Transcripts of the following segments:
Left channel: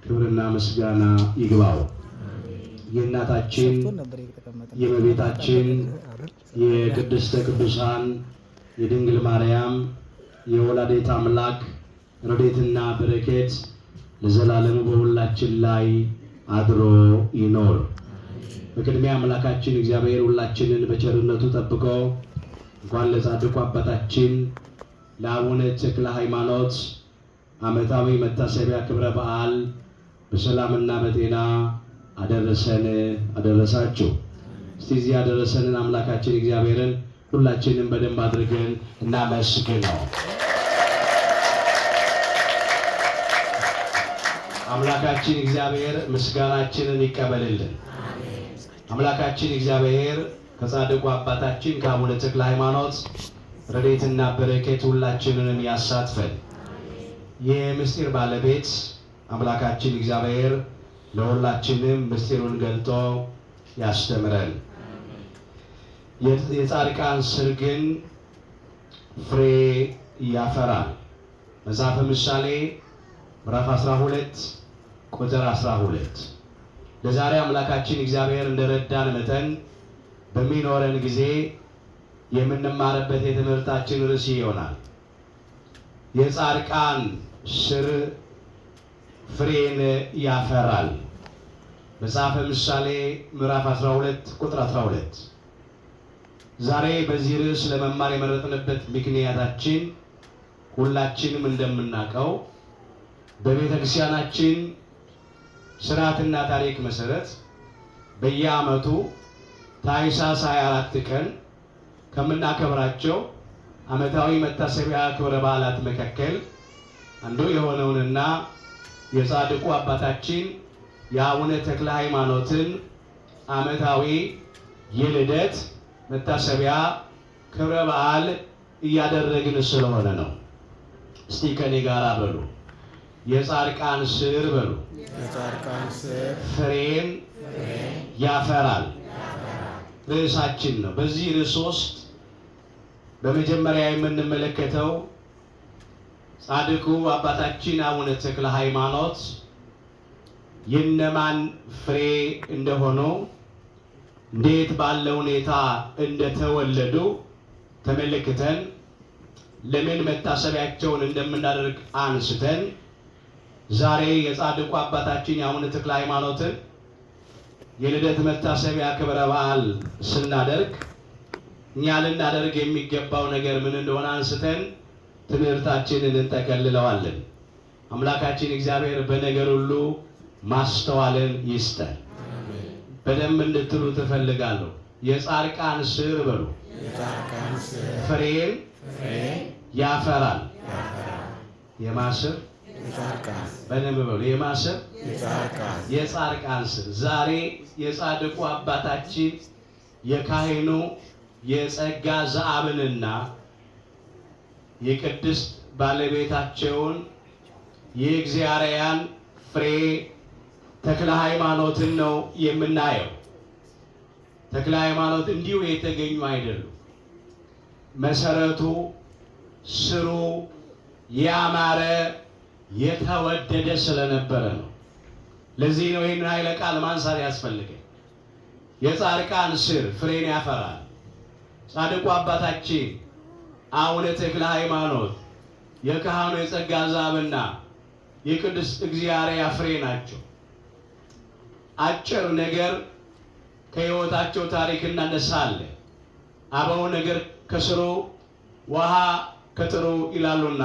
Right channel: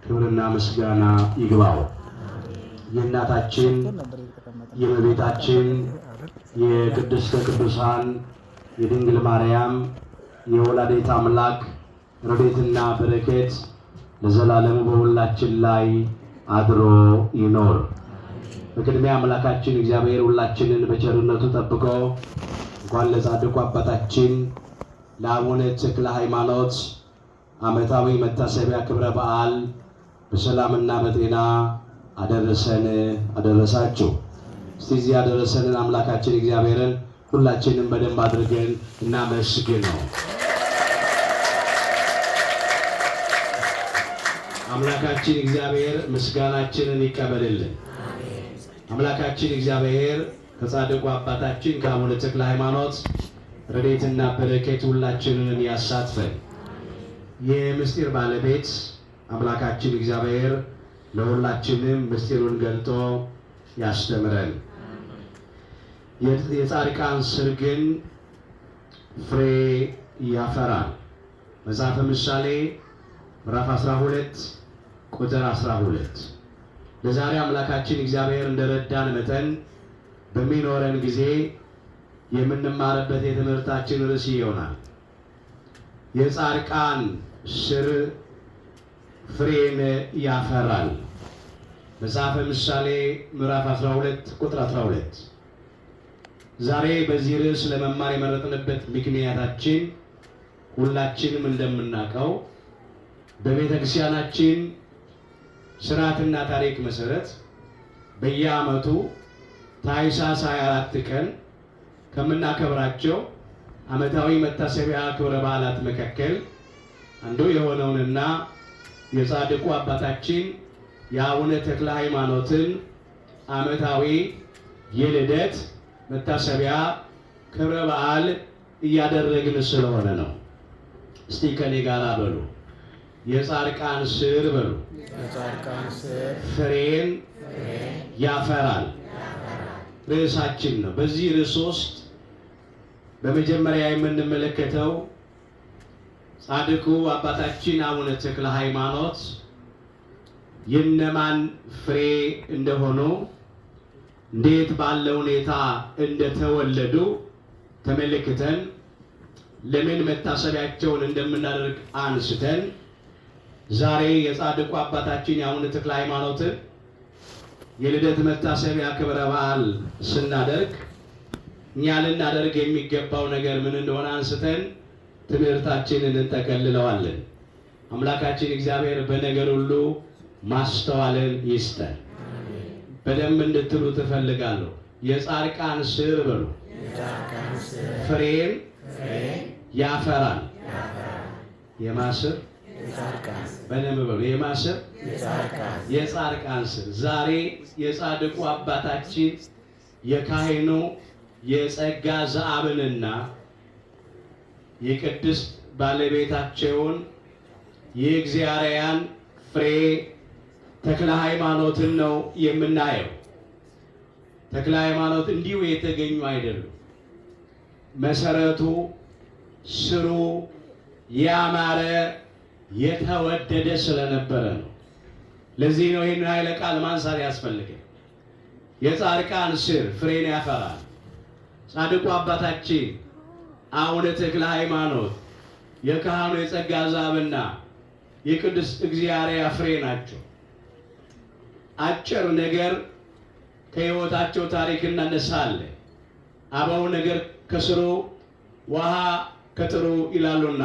ክብርና ምስጋና ይግባው። የእናታችን የእመቤታችን የቅድስተ ቅዱሳን የድንግል ማርያም የወላዲተ አምላክ ረድኤትና በረከት ለዘላለሙ በሁላችን ላይ አድሮ ይኖር። በቅድሚያ አምላካችን እግዚአብሔር ሁላችንን በቸርነቱ ጠብቆ እንኳን ለጻድቁ አባታችን ለአቡነ ተክለ ሃይማኖት ዓመታዊ መታሰቢያ ክብረ በዓል በሰላምና በጤና አደረሰን አደረሳችሁ። እስቲ እዚህ ያደረሰንን አምላካችን እግዚአብሔርን ሁላችንም በደንብ አድርገን እናመስግነው። አምላካችን እግዚአብሔር ምስጋናችንን ይቀበልልን። አምላካችን እግዚአብሔር ከጻድቁ አባታችን ከአቡነ ተክለ ሃይማኖት ረድኤትና በረከት ሁላችንን ያሳትፈን። የምስጢር ባለቤት አምላካችን እግዚአብሔር ለሁላችንም ምስጢሩን ገልጦ ያስተምረን። የጻድቃን ሥር ግን ፍሬ ያፈራል። መጽሐፈ ምሳሌ ምዕራፍ 12 ቁጥር 12። ለዛሬ አምላካችን እግዚአብሔር እንደረዳን መጠን በሚኖረን ጊዜ የምንማርበት የትምህርታችን ርዕስ ይሆናል። የጻድቃን ሥር ፍሬን ያፈራል። መጽሐፈ ምሳሌ ምዕራፍ 12 ቁጥር 12። ዛሬ በዚህ ርዕስ ለመማር የመረጥንበት ምክንያታችን ሁላችንም እንደምናውቀው በቤተ ክርስቲያናችን ሥርዓትና ታሪክ መሰረት በየዓመቱ ታኅሳስ 24 ቀን ከምናከብራቸው ዓመታዊ መታሰቢያ ክብረ በዓላት መካከል አንዱ የሆነውንና የጻድቁ አባታችን የአቡነ ተክለ ሃይማኖትን ዓመታዊ የልደት መታሰቢያ ክብረ በዓል እያደረግን ስለሆነ ነው። እስቲ ከኔ ጋር በሉ፣ የጻድቃን ሥር በሉ። የጻድቃን ሥር ፍሬን ያፈራል ርዕሳችን ነው። በዚህ ርዕስ ውስጥ በመጀመሪያ የምንመለከተው ጻድቁ አባታችን አቡነ ተክለ ሃይማኖት የነማን ፍሬ እንደሆኑ እንዴት ባለ ሁኔታ እንደተወለዱ ተመልክተን ለምን መታሰቢያቸውን እንደምናደርግ አንስተን ዛሬ የጻድቁ አባታችን የአቡነ ተክለ ሃይማኖትን የልደት መታሰቢያ ክብረ በዓል ስናደርግ እኛ ልናደርግ የሚገባው ነገር ምን እንደሆነ አንስተን ትምህርታችንን እንጠቀልለዋለን። አምላካችን እግዚአብሔር በነገር ሁሉ ማስተዋልን ይስጠን። በደንብ እንድትሉ ትፈልጋለሁ። የጻድቃን ሥር በሉ። ፍሬን ያፈራል። የማስር በደንብ በሉ። የማስር የጻድቃን ሥር። ዛሬ የጻድቁ አባታችን የካህኑ የጸጋ ዘአብንና የቅድስት ባለቤታቸውን የእግዚአርያን ፍሬ ተክለ ሃይማኖትን ነው የምናየው። ተክለ ሃይማኖት እንዲሁ የተገኙ አይደሉም። መሰረቱ ስሩ ያማረ የተወደደ ስለነበረ ነው። ለዚህ ነው ይህን ኃይለ ቃል ማንሳት ያስፈልጋል። የጻድቃን ሥር ፍሬን ያፈራል። ጻድቁ አባታችን አቡነ ተክለ ሃይማኖት የካህኑ የጸጋ ዘአብና የቅዱስ እግዚአብሔር ፍሬ ናቸው። አጭር ነገር ከሕይወታቸው ታሪክ እናነሳለን። አበው ነገር ከስሩ ውሃ ከጥሩ ይላሉና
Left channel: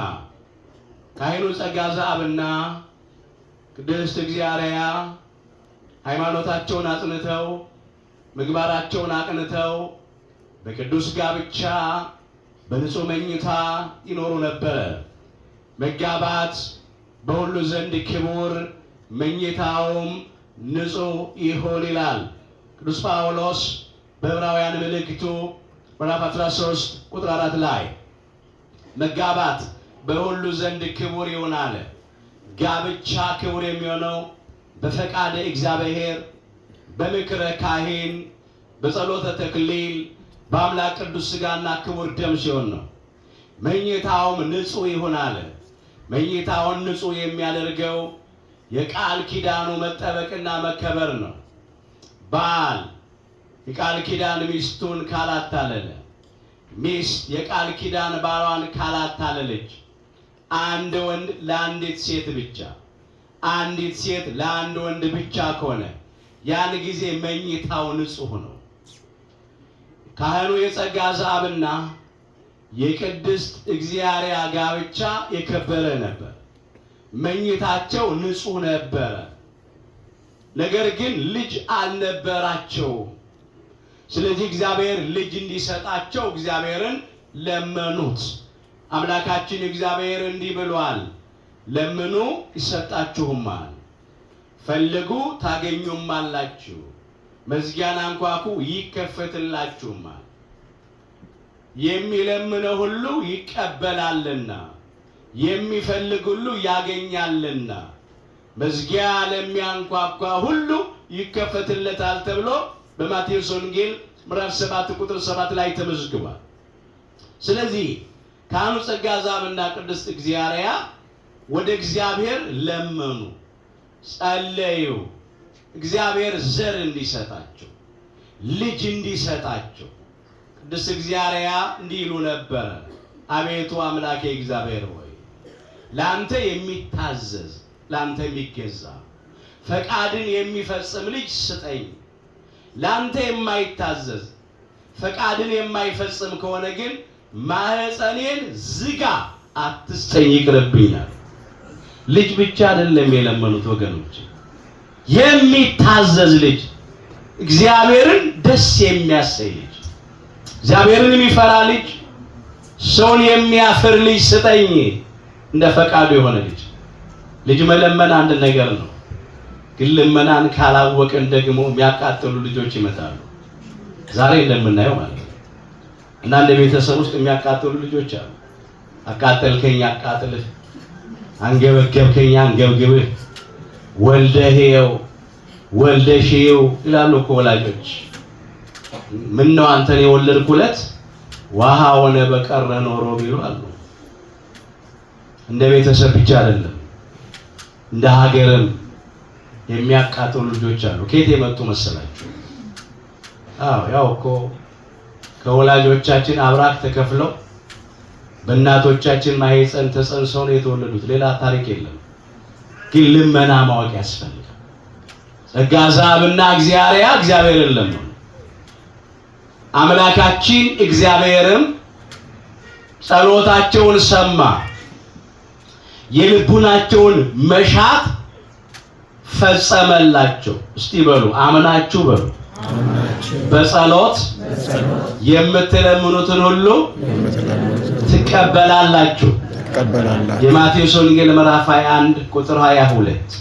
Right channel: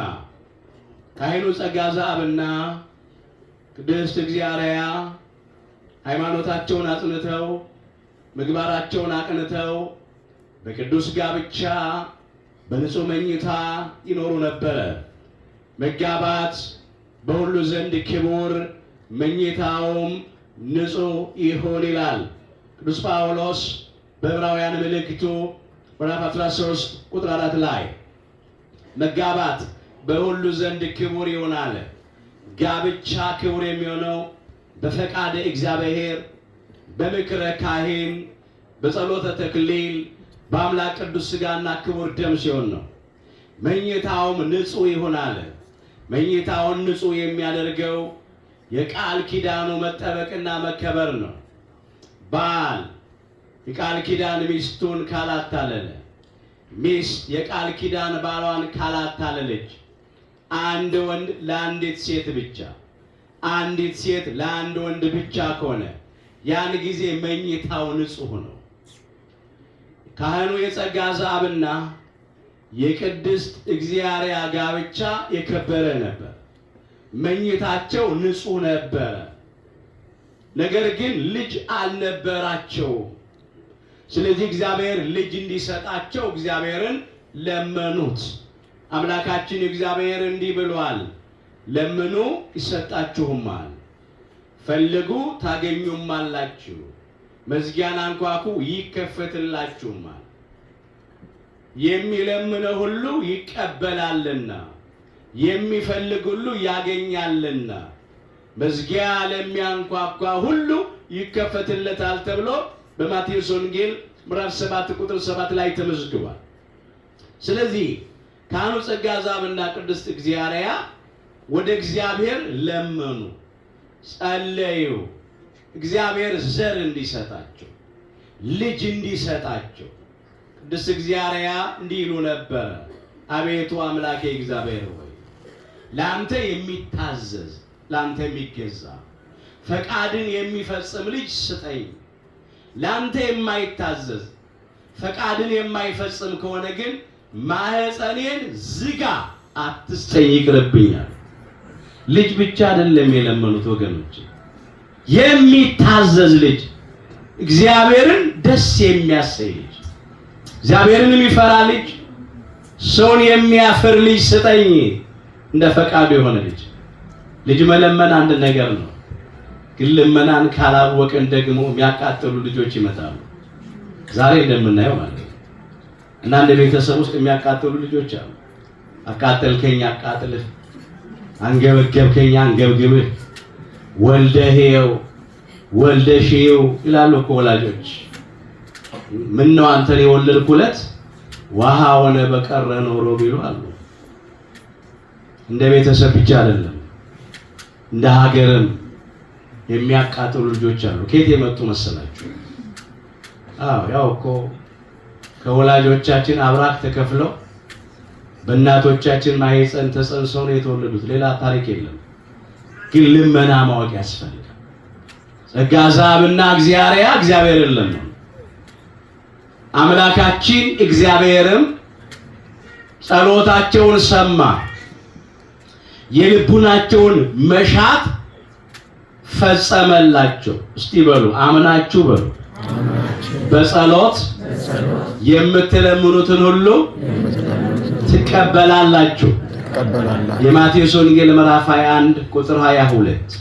ካህኑ ጸጋ ዘአብና ቅድስት እግዚአብሔር ሃይማኖታቸውን አጽንተው ምግባራቸውን አቅንተው በቅዱስ ጋብቻ በንጹህ መኝታ ይኖሩ ነበር። መጋባት በሁሉ ዘንድ ክቡር መኝታውም ንጹህ ይሁን ይላል ቅዱስ ጳውሎስ በዕብራውያን መልእክቱ ምዕራፍ 13 ቁጥር 4 ላይ መጋባት በሁሉ ዘንድ ክቡር ይሆናል። ጋብቻ ክቡር የሚሆነው በፈቃደ እግዚአብሔር በምክረ ካህን በጸሎተ ተክሊል በአምላክ ቅዱስ ሥጋና ክቡር ደም ሲሆን ነው። መኝታውም ንጹህ ይሆናል። መኝታውን ንጹህ የሚያደርገው የቃል ኪዳኑ መጠበቅና መከበር ነው። ባል የቃል ኪዳን ሚስቱን ካላታለለ፣ ሚስት የቃል ኪዳን ባሏን ካላታለለች፣ አንድ ወንድ ለአንዲት ሴት ብቻ፣ አንዲት ሴት ለአንድ ወንድ ብቻ ከሆነ ያን ጊዜ መኝታው ንጹሕ ነው። ካህኑ የጸጋ ዛብና የቅድስት እግዚአብሔር ጋብቻ የከበረ ነበር። መኝታቸው ንጹሕ ነበረ። ነገር ግን ልጅ አልነበራቸው። ስለዚህ እግዚአብሔር ልጅ እንዲሰጣቸው እግዚአብሔርን ለመኑት። አምላካችን እግዚአብሔር እንዲህ ብሏል፣ ለምኑ ይሰጣችሁማል፣ ፈልጉ ታገኙማላችሁ፣ መዝጊያን አንኳኩ ይከፈትላችሁማል። የሚለምነው ሁሉ ይቀበላልና፣ የሚፈልግ ሁሉ ያገኛልና፣ መዝጊያ ለሚያንኳኳ ሁሉ ይከፈትለታል ተብሎ በማቴዎስ ወንጌል ምዕራፍ 7 ቁጥር 7 ላይ ተመዝግቧል። ስለዚህ ካህኑ ጸጋ ዛብና ቅድስት እግዚአብሔር ወደ እግዚአብሔር ለመኑ፣ ጸለዩ። እግዚአብሔር ዘር እንዲሰጣቸው፣ ልጅ እንዲሰጣቸው። ቅድስት እግዚአብሔር እንዲህ ይሉ ነበረ፣ አቤቱ አምላኬ እግዚአብሔር ሆይ ለአንተ የሚታዘዝ ለአንተ የሚገዛ ፈቃድን የሚፈጽም ልጅ ስጠኝ። ለአንተ የማይታዘዝ ፈቃድን የማይፈጽም ከሆነ ግን ማህፀኔን ዝጋ፣ አትስጠኝ፣ ይቅርብኛል። ልጅ ብቻ አይደለም የለመኑት ወገኖች፣ የሚታዘዝ ልጅ፣ እግዚአብሔርን ደስ የሚያሰኝ ልጅ፣ እግዚአብሔርን የሚፈራ ልጅ፣ ሰውን የሚያፍር ልጅ ስጠኝ፣ እንደ ፈቃዱ የሆነ ልጅ። ልጅ መለመን አንድ ነገር ነው፣ ግን ልመናን ካላወቅን ደግሞ የሚያቃጥሉ ልጆች ይመጣሉ። ዛሬ እንደምናየው ማለት ነው። እና እንደ ቤተሰብ ውስጥ የሚያቃጥሉ ልጆች አሉ። አቃጠልከኝ አቃጥልህ፣ አንገበገብከኝ አንገብግብህ፣ ወልደህየው ወልደሽየው ይላሉ እኮ ወላጆች። ምን ነው አንተን የወለድኩለት ውሃ ሆነ በቀረ ኖሮ ቢሉ አሉ። እንደ ቤተሰብ ብቻ አይደለም እንደ ሀገርም የሚያቃጥሉ ልጆች አሉ። ከየት የመጡ መሰላችሁ? ያው እኮ ከወላጆቻችን አብራክ ተከፍለው በእናቶቻችን ማህፀን ተጸንሰው ነው የተወለዱት። ሌላ ታሪክ የለም። ግን ልመና ማወቅ ያስፈልጋል። ጸጋ ዛብና እግዚአብሔርን ለመኑ። አምላካችን እግዚአብሔርም ጸሎታቸውን ሰማ፣ የልቡናቸውን መሻት ፈጸመላቸው። እስቲ በሉ አምናችሁ በሉ። በጸሎት የምትለምኑትን ሁሉ ትቀበላላችሁ። የማቴዎስ ወንጌል ምዕራፍ 21 ቁጥር 22።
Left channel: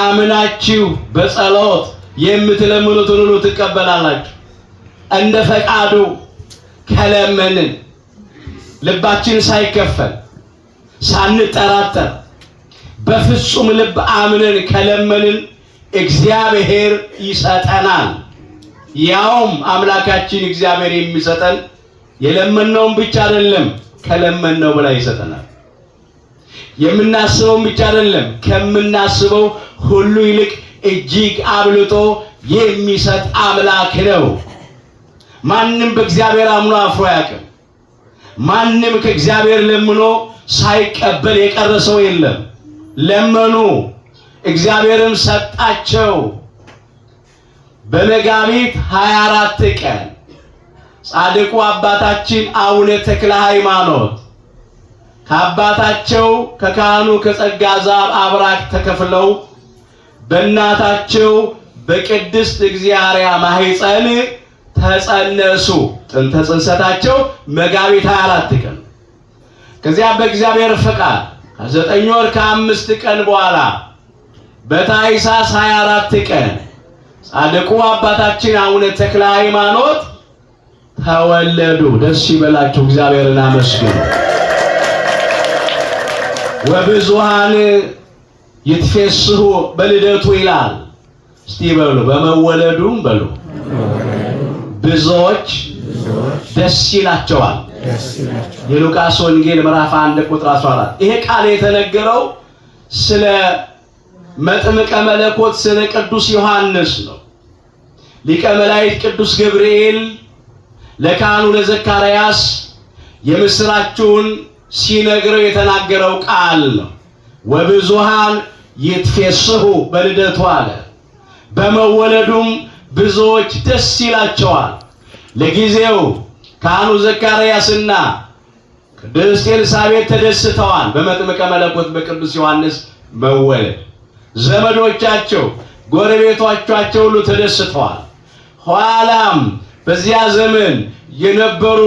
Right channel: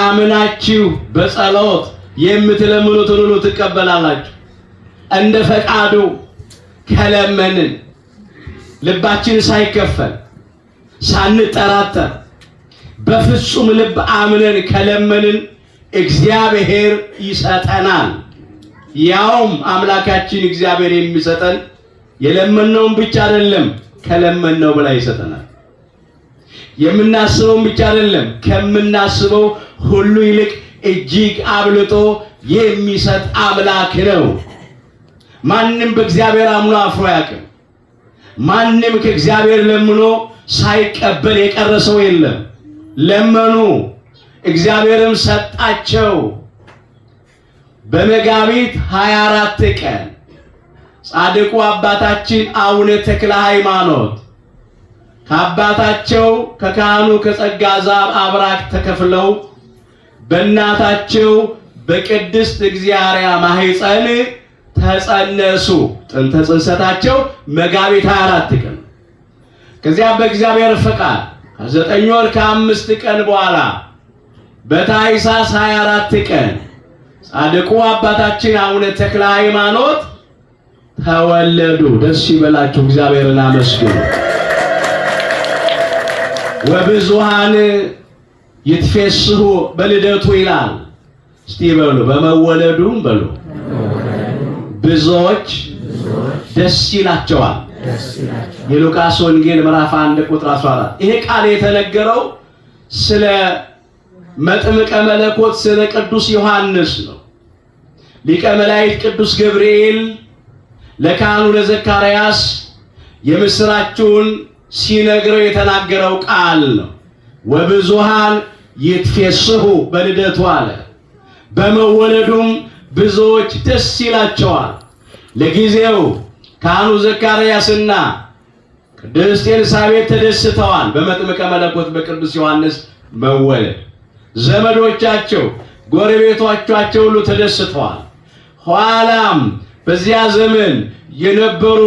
አምናችሁ በጸሎት የምትለምኑትን ሁሉ ትቀበላላችሁ። እንደ ፈቃዱ ከለመንን ልባችን ሳይከፈል ሳንጠራጠር በፍጹም ልብ አምነን ከለመንን እግዚአብሔር ይሰጠናል። ያውም አምላካችን እግዚአብሔር የሚሰጠን የለመነውን ብቻ አይደለም፣ ከለመነው በላይ ይሰጠናል። የምናስበውን ብቻ አይደለም፣ ከምናስበው ሁሉ ይልቅ እጅግ አብልጦ የሚሰጥ አምላክ ነው። ማንም በእግዚአብሔር አምኖ አፍሮ አያውቅም። ማንም ከእግዚአብሔር ለምኖ ሳይቀበል የቀረ ሰው የለም። ለመኑ፣ እግዚአብሔርም ሰጣቸው። በመጋቢት 24 ቀን ጻድቁ አባታችን አቡነ ተክለ ሃይማኖት ከአባታቸው ከካህኑ ከጸጋ ዛብ አብራክ ተከፍለው በእናታቸው በቅድስት እግዚአብሔር ማህፀን ተጸነሱ። ጥንተ ጽንሰታቸው መጋቢት 24 ቀን። ከዚያ በእግዚአብሔር ፈቃድ 9 ወር ከ5 ቀን በኋላ በታኅሳስ 24 ቀን ጻድቁ አባታችን አቡነ ተክለ ሃይማኖት ተወለዱ። ደስ ይበላችሁ፣ እግዚአብሔርን አመስግኑ። ወብዙሃን ይትፌስሑ በልደቱ ይላል። እስቲ በሉ በመወለዱም በሉ ብዙዎች ደስ ይላቸዋል። የሉቃስ ወንጌል ምዕራፍ 1 ቁጥር 14። ይሄ ቃል የተነገረው ስለ መጥምቀ መለኮት ስለ ቅዱስ ዮሐንስ ነው። ሊቀ መላእክት ቅዱስ ገብርኤል ለካህኑ ለዘካርያስ የምስራቹን ሲነግረው የተናገረው ቃል ነው። ወብዙሃን ይትፌስሑ በልደቱ አለ። በመወለዱም ብዙዎች ደስ ይላቸዋል። ለጊዜው ካህኑ ዘካርያስና ቅድስት ኤልሳቤጥ ተደስተዋል በመጥምቀ መለኮት በቅዱስ ዮሐንስ መወለድ። ዘመዶቻቸው ጎረቤቶቻቸው ሁሉ ተደስተዋል። ኋላም በዚያ ዘመን የነበሩ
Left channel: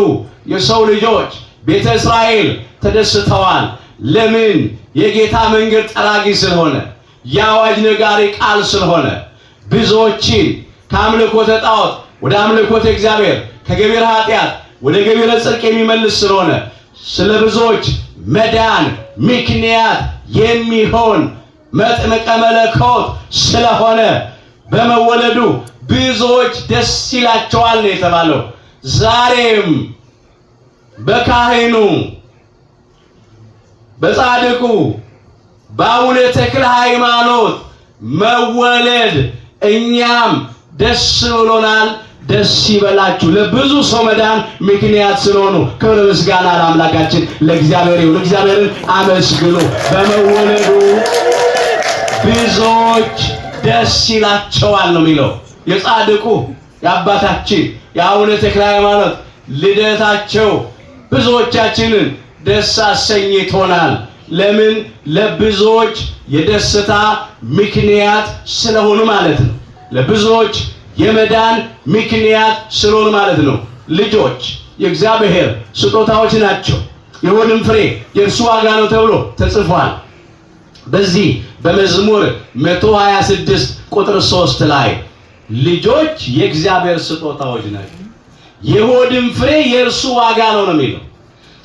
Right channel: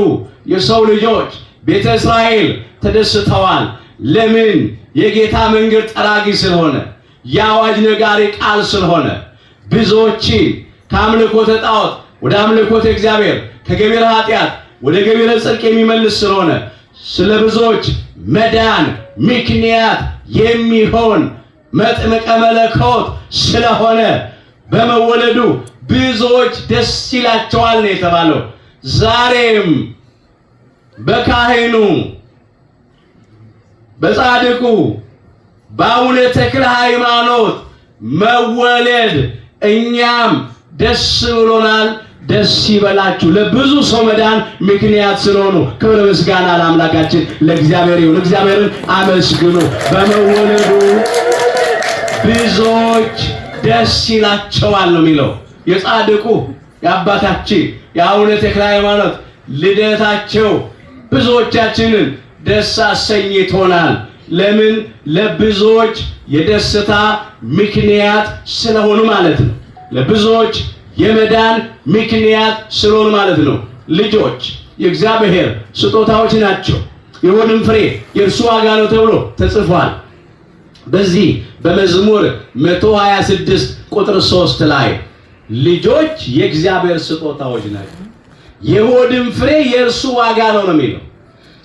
የሰው ልጆች ቤተ እስራኤል ተደስተዋል። ለምን? የጌታ መንገድ ጠራጊ ስለሆነ፣ የአዋጅ ነጋሪ ቃል ስለሆነ፣ ብዙዎችን ከአምልኮተ ጣዖት ወደ አምልኮተ እግዚአብሔር፣ ከገቢረ ኃጢአት ወደ ገቢረ ጽድቅ የሚመልስ ስለሆነ፣ ስለ ብዙዎች መዳን ምክንያት የሚሆን መጥምቀ መለኮት ስለሆነ በመወለዱ ብዙዎች ደስ ይላቸዋል ነው የተባለው። ዛሬም በካህኑ በጻድቁ በአቡነ ተክለ ሃይማኖት መወለድ እኛም ደስ ብሎናል። ደስ ይበላችሁ። ለብዙ ሰው መዳን ምክንያት ስለሆኑ ክብር ምስጋና ለአምላካችን ለእግዚአብሔር ይሁን። እግዚአብሔርን አመስግኑ። በመወለዱ ብዙዎች ደስ ይላቸዋል ነው የሚለው። የጻድቁ የአባታችን የአቡነ ተክለ ሃይማኖት ልደታቸው ብዙዎቻችንን ደስ አሰኝቶናል። ለምን? ለብዙዎች የደስታ ምክንያት ስለሆኑ ማለት ነው። ለብዙዎች የመዳን ምክንያት ስለሆኑ ማለት ነው። ልጆች የእግዚአብሔር ስጦታዎች ናቸው። የሆድም ፍሬ የእርሱ ዋጋ ነው ተብሎ ተጽፏል። በዚህ በመዝሙር 126 ቁጥር 3 ላይ ልጆች የእግዚአብሔር ስጦታዎች ናቸው፣ የሆድም ፍሬ የእርሱ ዋጋ ነው ነው የሚለው።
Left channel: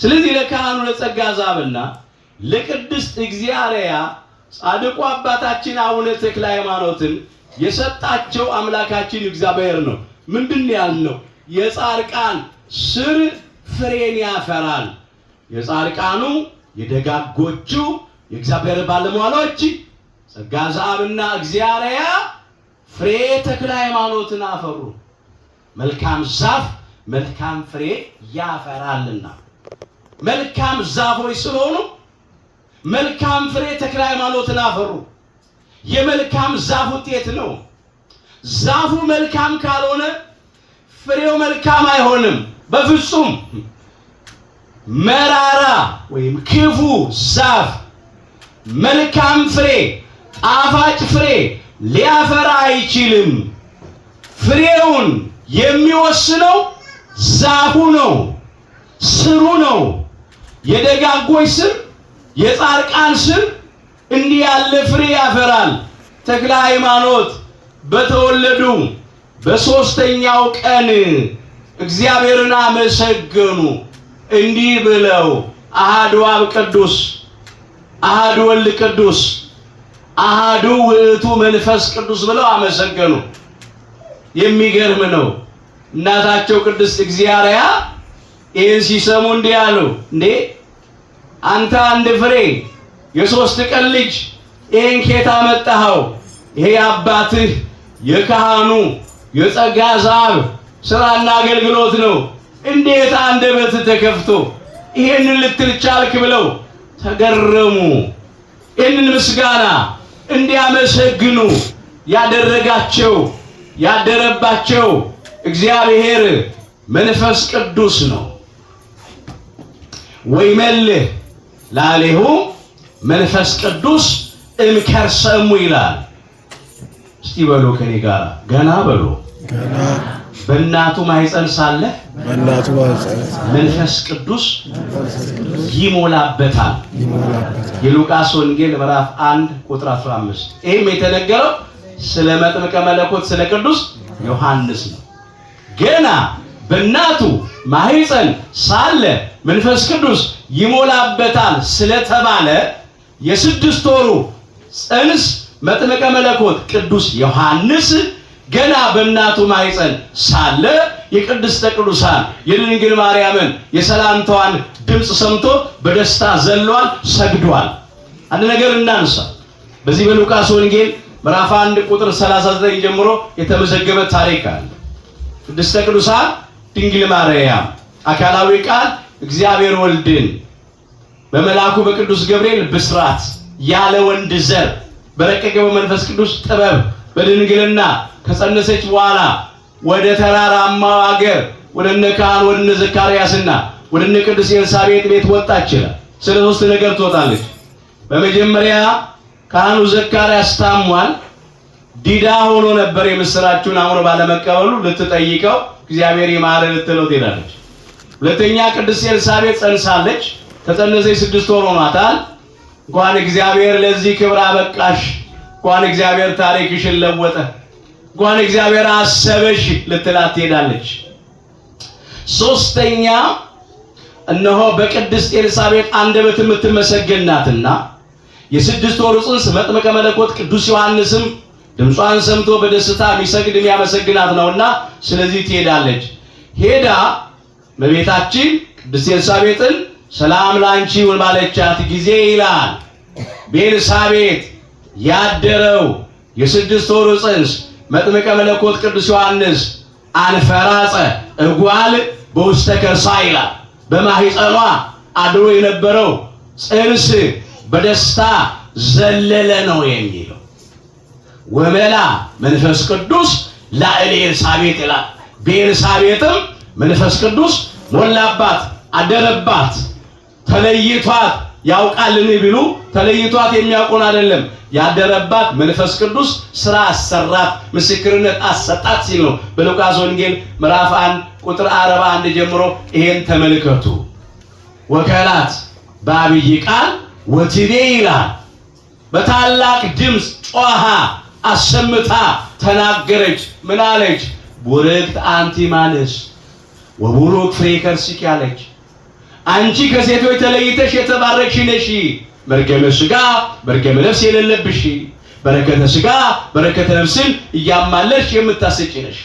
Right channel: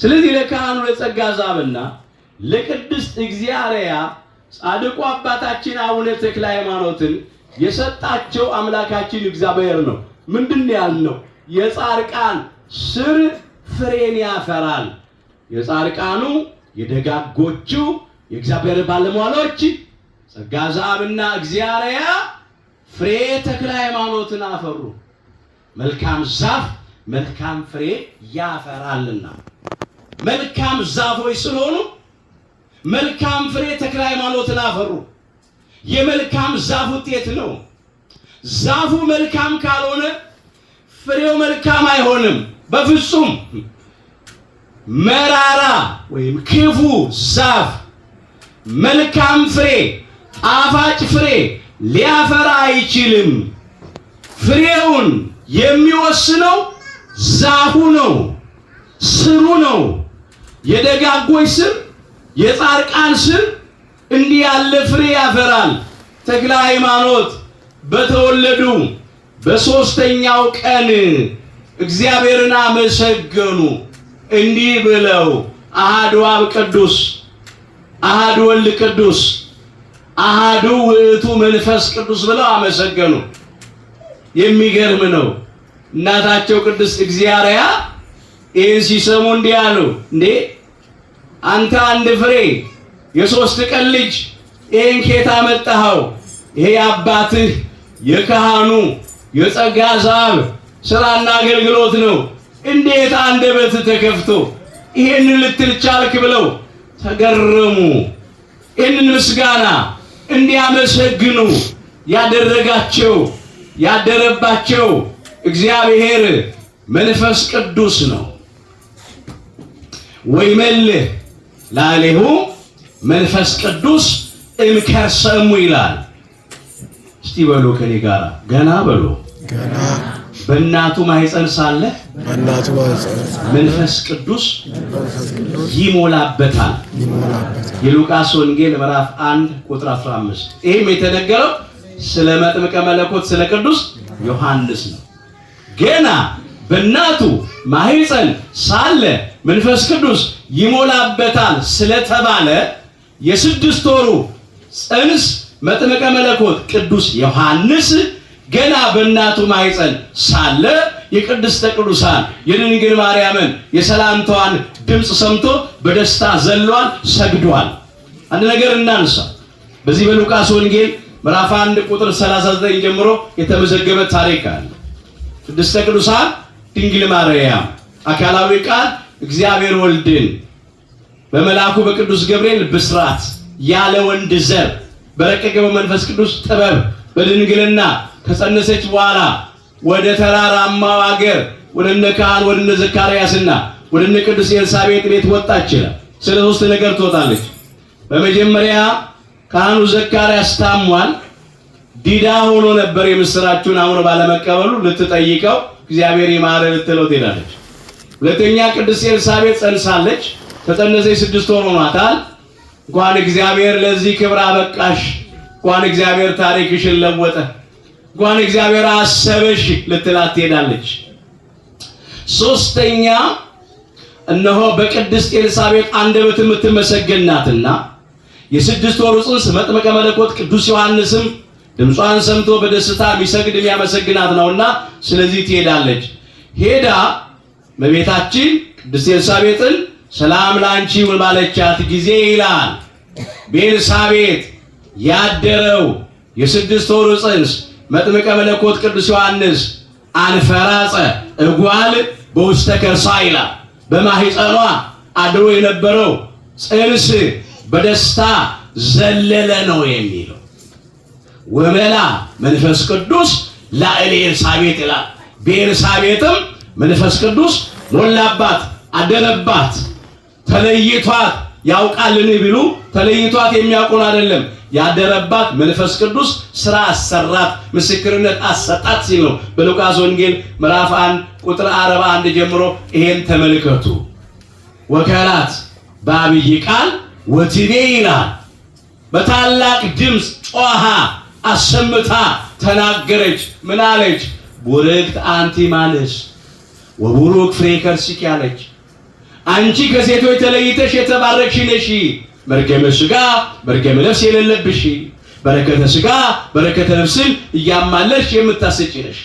ስለዚህ ለካህኑ ለጸጋ ዛብና ለቅድስት እግዚአርያ ጻድቁ አባታችን አቡነ ተክለ ሃይማኖትን የሰጣቸው አምላካችን እግዚአብሔር ነው። ምንድን ያልነው? የጻድቃን ስር ፍሬን ያፈራል። የጻድቃኑ የደጋጎቹ የእግዚአብሔር ባለሟሎች ጸጋ ዛብና እግዚአርያ ፍሬ ተክለ ሃይማኖትን አፈሩ። መልካም ዛፍ መልካም ፍሬ ያፈራልና መልካም ዛፎች ስለሆኑ መልካም ፍሬ ተክለ ሃይማኖትን አፈሩ። የመልካም ዛፍ ውጤት ነው። ዛፉ መልካም ካልሆነ ፍሬው መልካም አይሆንም በፍጹም። መራራ ወይም ክፉ ዛፍ መልካም ፍሬ ጣፋጭ ፍሬ ሊያፈራ አይችልም። ፍሬውን የሚወስነው ዛፉ ነው፣ ስሩ ነው። የደጋጎች ስር የጻድቃን ስር እንዲህ ያለ ፍሬ ያፈራል። ተክለ ሃይማኖት በተወለዱ በሦስተኛው ቀን እግዚአብሔርን አመሰገኑ እንዲህ ብለው አሐዱ አብ ቅዱስ፣ አሐዱ ወልድ ቅዱስ፣ አሐዱ ውእቱ መንፈስ ቅዱስ ብለው አመሰገኑ። የሚገርም ነው። እናታቸው ቅድስት እግዚአርያ ይህን ሲሰሙ እንዲህ አሉ፣ እንዴ አንተ አንድ ፍሬ የሶስት ቀን ልጅ ይህን ኬታ መጣኸው? ይሄ አባትህ የካህኑ የጸጋ ዛብ ስራና አገልግሎት ነው። እንዴት አንደበት ተከፍቶ ይሄንን ልትል ቻልክ? ብለው ተገረሙ። ይህንን ምስጋና እንዲያመሰግኑ ያደረጋቸው ያደረባቸው እግዚአብሔር መንፈስ ቅዱስ ነው። ወይመልህ ላሌሁ መንፈስ ቅዱስ እምከርሰ እሙ ይላል። እስቲ በሉ ከኔ ጋር ገና በሉ። ገና በእናቱ ማኅፀን ሳለ መንፈስ ቅዱስ ይሞላበታል። የሉቃስ ወንጌል ምዕራፍ 1 ቁጥር 15። ይህም የተነገረው ስለ መጥምቀ መለኮት ስለ ቅዱስ ዮሐንስ ነው። ገና በእናቱ ማኅፀን ሳለ መንፈስ ቅዱስ ይሞላበታል ስለተባለ የ6 ወሩ ጽንስ መጥምቀ መለኮት ቅዱስ ዮሐንስ ገና በእናቱ ማኅፀን ሳለ የቅድስተ ቅዱሳን የድንግል ማርያምን የሰላምታዋን ድምፅ ሰምቶ በደስታ ዘሏል፣ ሰግዷል። አንድ ነገር እናንሳ። በዚህ በሉቃስ ወንጌል ምዕራፍ 1 ቁጥር 39 ጀምሮ የተመዘገበ ታሪክ አለ። ቅድስተ ቅዱሳን ድንግል ማርያም አካላዊ ቃል እግዚአብሔር ወልድን በመልአኩ በቅዱስ ገብርኤል ብስራት ያለ ወንድ ዘር በረቀቀ በመንፈስ ቅዱስ ጥበብ በድንግልና ከጸነሰች በኋላ ወደ ተራራማው አገር ወደ ካህን ወደ ዘካርያስና ወደ ቅድስት ኤልሳቤጥ ቤት ወጣች ይላል። ስለ ሶስት ነገር ትወጣለች። በመጀመሪያ ካህኑ ዘካርያስ ታሟል፣ ዲዳ ሆኖ ነበር። የምስራቹን አሁን ባለመቀበሉ ልትጠይቀው እግዚአብሔር ይማረ ልትለው ትሄዳለች። ሁለተኛ ቅድስት ኤልሳቤጥ ጸንሳለች። ተጸነሰች 6 ወር ሆኗታል። እንኳን እግዚአብሔር ለዚህ ክብር አበቃሽ፣ እንኳን እግዚአብሔር ታሪክሽን ለወጠ፣ እንኳን እግዚአብሔር አሰበሽ ልትላት ትሄዳለች። ሶስተኛ እነሆ በቅድስት ኤልሳቤጥ አንደበት የምትመሰገን ናትና የ6 ወር ጽንስ መጥምቀ መለኮት ቅዱስ ዮሐንስም ድምጿን ሰምቶ በደስታ የሚሰግድ የሚያመሰግናት ነውና ስለዚህ ትሄዳለች። ሄዳ በቤታችን ቅድስት ኤልሳቤጥን ሰላም ላንቺ ይሁን ባለቻት ጊዜ ይላል በኤልሳቤጥ ያደረው የ6 ወር ጽንስ መጥምቀ መለኮት ቅዱስ ዮሐንስ አንፈራጸ እጓል በውስተ ከርሳ ይላል። በማህፀኗ አድሮ የነበረው ጽንስ በደስታ ዘለለ ነው የሚለው። ወመላ መንፈስ ቅዱስ ላዕለ ኤልሳቤጥ ይላል። በኤልሳቤጥም መንፈስ ቅዱስ ሞላባት፣ አደረባት። ተለይቷት ያውቃልን ቢሉ ተለይቷት የሚያውቁን አይደለም። ያደረባት መንፈስ ቅዱስ ስራ አሰራት፣ ምስክርነት አሰጣት ሲል ነው በሉቃስ ወንጌል ምዕራፍ 1 ቁጥር 41 ጀምሮ ይሄን ተመልከቱ። ወከላት በአብይ ቃል ወትቤ ይላል። በታላቅ ድምፅ ጮኻ አሰምታ ተናገረች። ምን አለች? ቡርክት አንቲ እምአንስት ወቡሩክ ፍሬ ከርሥኪ አለች። አንቺ ከሴቶች ተለይተሽ የተባረክሽ ነሽ፣ መርገመ ሥጋ መርገመ ነፍስ የሌለብሽ፣ በረከተ ሥጋ በረከተ ነፍስን እያማለሽ የምታሰጪ ነሽ።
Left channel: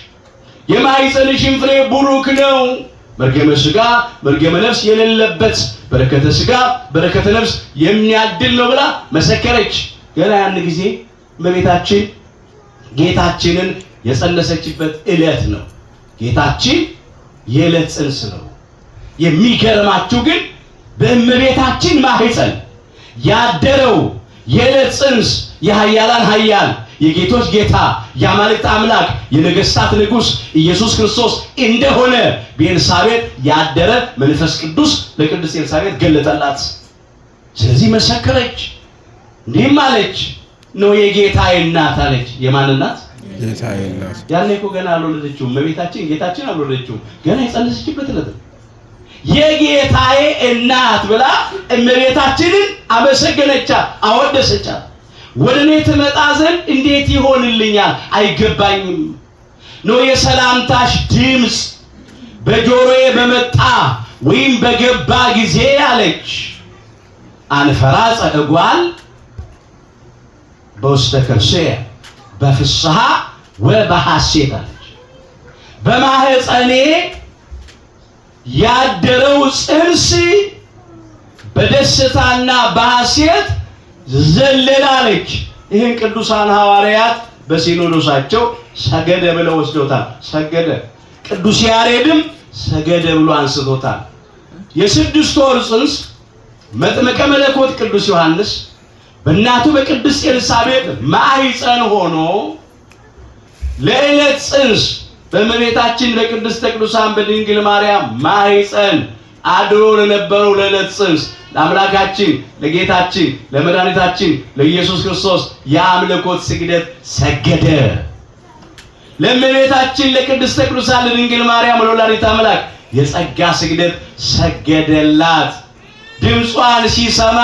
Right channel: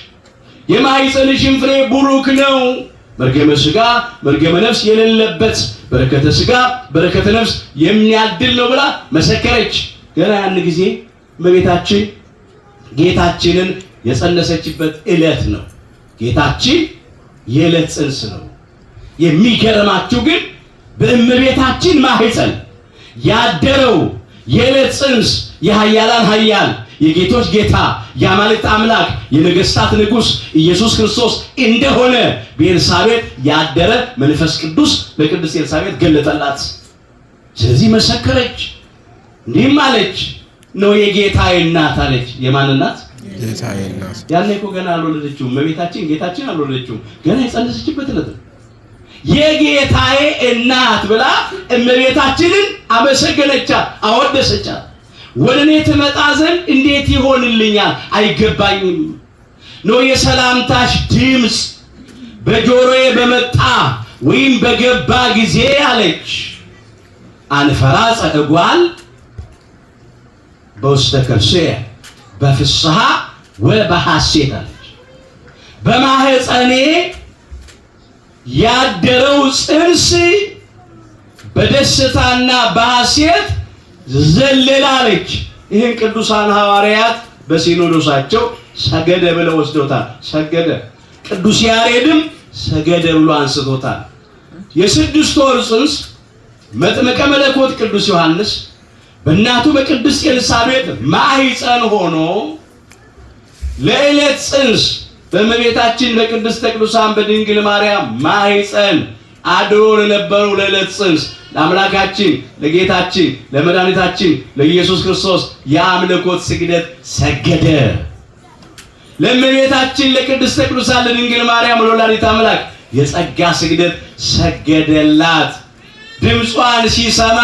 የማኅፀንሽም ፍሬ ቡሩክ ነው፣ መርገመ ሥጋ መርገመ ነፍስ የሌለበት፣ በረከተ ሥጋ በረከተ ነፍስ የሚያድል ነው ብላ መሰከረች። ገና ያን ጊዜ እመቤታችን ጌታችንን የጸነሰችበት ዕለት ነው። ጌታችን የዕለት ጽንስ ነው። የሚገርማችሁ ግን በእመቤታችን ማህፀን ያደረው የዕለት ጽንስ የኃያላን ኃያል የጌቶች ጌታ የአማልክት አምላክ የነገሥታት ንጉሥ ኢየሱስ ክርስቶስ እንደሆነ በኤልሳቤጥ ያደረ መንፈስ ቅዱስ ለቅድስት ኤልሳቤጥ ገለጠላት። ስለዚህ መሰከረች፣ እንዲህም አለች፣ ነው የጌታዬ እናት አለች። የማን እናት? ጌታዬ እናት። ያኔ እኮ ገና አልወለደችውም እመቤታችን፣ ጌታችን አልወለደችውም። ገና የጸነሰችበት ዕለት የጌታዬ እናት ብላ እመቤታችንን አመሰገነቻት፣ አወደሰቻት። ወደ እኔ ትመጣ ዘንድ እንዴት ይሆንልኛል? አይገባኝም ነው የሰላምታሽ ድምፅ በጆሮዬ በመጣ ወይም በገባ ጊዜ አለች። አንፈራጸ እጓል በውስተ ከርሥየ በፍስሐ ወበሐሴት አለች። በማህፀኔ ያደረው ጽንስ በደስታና በሐሴት ዘለላለች። ይህን ቅዱሳን ሐዋርያት በሲኖዶሳቸው ሰገደ ብለው ወስዶታል። ሰገደ። ቅዱስ ያሬድም ሰገደ ብሎ አንስቶታል። የ6 ወር ጽንስ መጥምቀ መለኮት ቅዱስ ዮሐንስ በእናቱ በቅድስት ኤልሳቤጥ ማህፀን ሆኖ ለዕለት ጽንስ በእመቤታችን በቅድስተ ቅዱሳን በድንግል ማርያም ማህፀን አድሮ ለነበረው ለዕለት ጽንስ ለአምላካችን ለጌታችን ለመድኃኒታችን ለኢየሱስ ክርስቶስ የአምልኮት ስግደት ሰገደ። ለእመቤታችን ለቅድስተ ቅዱሳን ለድንግል ማርያም ለወላዲተ አምላክ የጸጋ ስግደት ሰገደላት። ድምጿን ሲሰማ